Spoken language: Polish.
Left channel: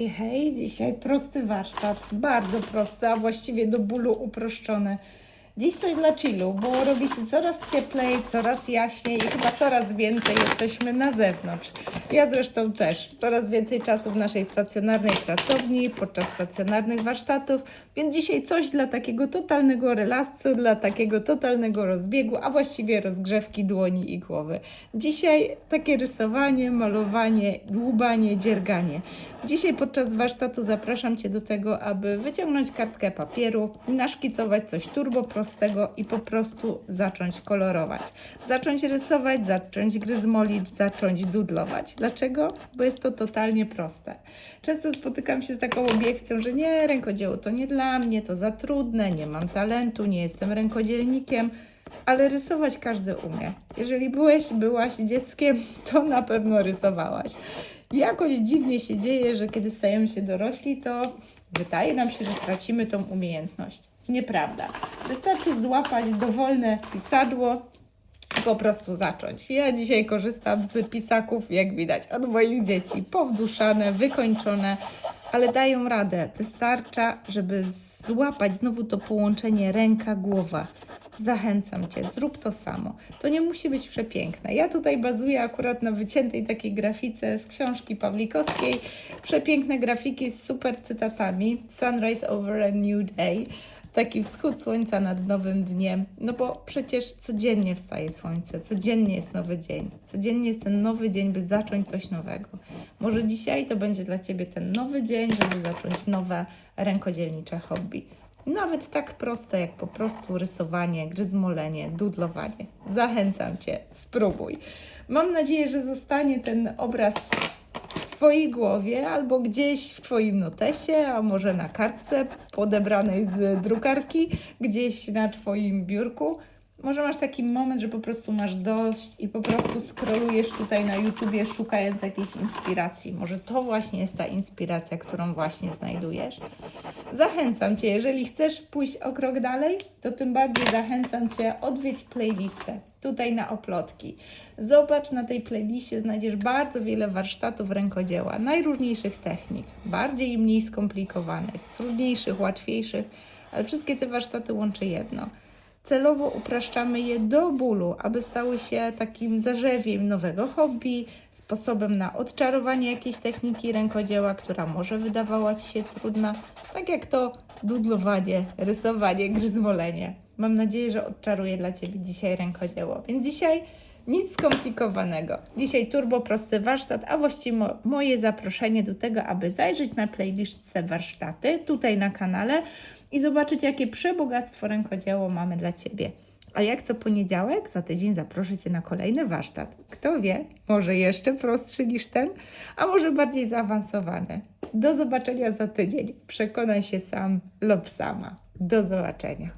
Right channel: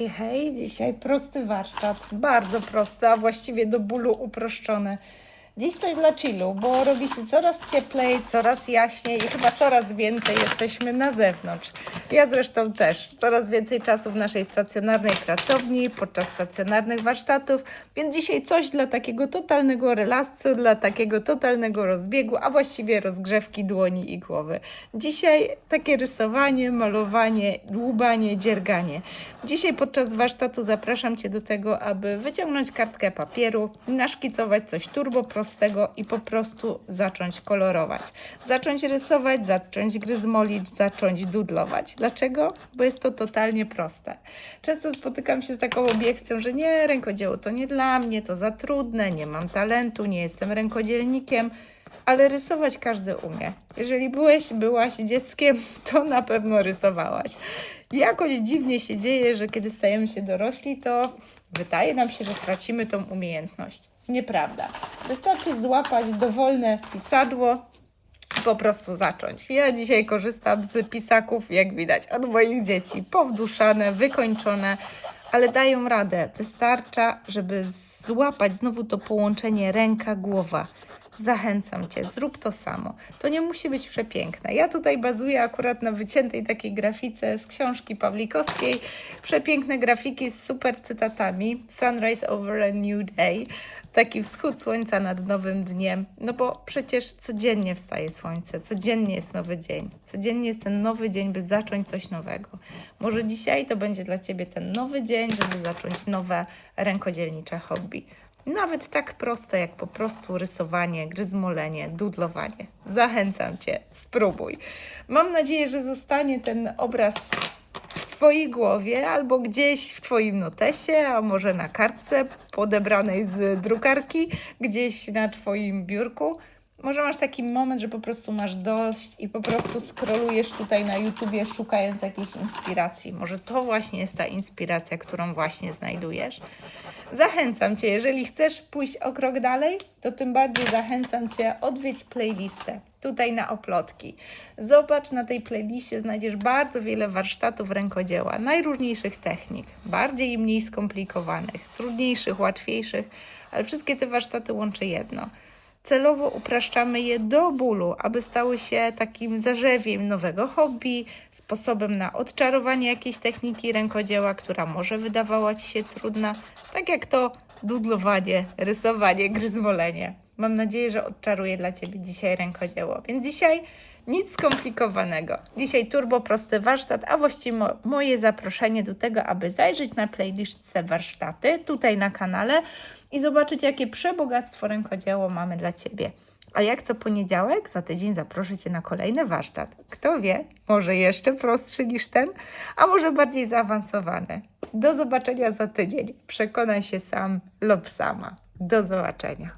Hej, hej, dzisiaj prosty warsztat, bardzo prosty, a właściwie do bólu uproszczony. Dziś coś dla chillu, bo robi się coraz cieplej, coraz jaśniej i chyba coraz więcej jesteśmy na zewnątrz. Ja zresztą też. Coraz więcej czasu w naszej stacjonarnej pracowni, podczas stacjonarnych warsztatów, więc dzisiaj coś dla takiego totalnego relaksu, dla takiego totalnego rozbiegu, a właściwie rozgrzewki dłoni i głowy. Dzisiaj takie rysowanie, malowanie, dłubanie, dzierganie. Dzisiaj podczas warsztatu zapraszam Cię do tego, aby wyciągnąć kartkę papieru, naszkicować coś turbo prostego i po prostu zacząć kolorować. Zacząć rysować, zacząć gryzmolić, zacząć dudlować. Dlaczego? Bo jest to totalnie proste. Często spotykam się z taką obiekcją, że nie, rękodzieło to nie dla mnie, to za trudne, nie mam talentu, nie jestem rękodzielnikiem ale rysować każdy umie. Jeżeli byłeś, byłaś dzieckiem, to na pewno rysowałaś. Jakoś dziwnie się dzieje, że kiedy stajemy się dorośli, to wydaje nam się, że tracimy tą umiejętność. Nieprawda. Wystarczy złapać dowolne pisadło i po prostu zacząć. Ja dzisiaj korzystam z pisaków, jak widać, od moich dzieci. Powduszane, wykończone, ale dają radę. Wystarcza, żeby złapać znowu to połączenie ręka-głowa. Zachęcam Cię, zrób to samo. To nie musi być przepiękne. Ja tutaj bazuję akurat na wyciętej takiej grafice z książki Pawlikowskiej. Przepiękne grafiki z super cytatami. Sunrise over a new day. Taki wschód słońca nad nowym dniem. No bo przecież codziennie wstaje słońce, codziennie jest nowy dzień. Codziennie jest ten nowy dzień, by zacząć coś nowego. Może dzisiaj to będzie dla Ciebie ten nowy dzień, żeby zacząć nowe rękodzielnicze hobby. Nawet tak proste jak po prostu rysowanie, gryzmolenie, dudlowanie. Zachęcam Cię, spróbuj. Mam nadzieję, że zostanie ten obraz Twojej głowie albo gdzieś w Twoim notesie, a może na kartce podebranej z drukarki, gdzieś na Twoim biurku. Może masz taki moment, że po prostu masz dość i po prostu scrollujesz tutaj na YouTubie szukając jakiejś inspiracji. Może to właśnie jest ta inspiracja, którą właśnie znajdujesz. Zachęcam Cię, jeżeli chcesz pójść o krok dalej, to tym bardziej zachęcam Cię odwiedź playlistę tutaj na oplotki. Zobacz, na tej playliście znajdziesz bardzo wiele warsztatów rękodzieła, najróżniejszych technik, bardziej i mniej skomplikowanych, trudniejszych, łatwiejszych, ale wszystkie te warsztaty łączy jedno. Celowo upraszczamy je do bólu, aby stały się takim zarzewiem nowego hobby, sposobem na odczarowanie jakiejś techniki rękodzieła, która może wydawała Ci się trudna, tak jak to dudlowanie, rysowanie, gryzmolenie. Mam nadzieję, że odczaruję dla Ciebie dzisiaj rękodzieło. Więc dzisiaj nic skomplikowanego. Dzisiaj turbo prosty warsztat, a właściwie mo- moje zaproszenie do tego, aby zajrzeć na playlistce warsztaty tutaj na kanale i zobaczyć, jakie przebogactwo rękodzieło mamy dla Ciebie. A jak co poniedziałek, za tydzień zaproszę Cię na kolejny warsztat. Kto wie, może jeszcze prostszy niż ten, a może bardziej zaawansowany. Do zobaczenia za tydzień. Przekonaj się sam lub sama. Do zobaczenia.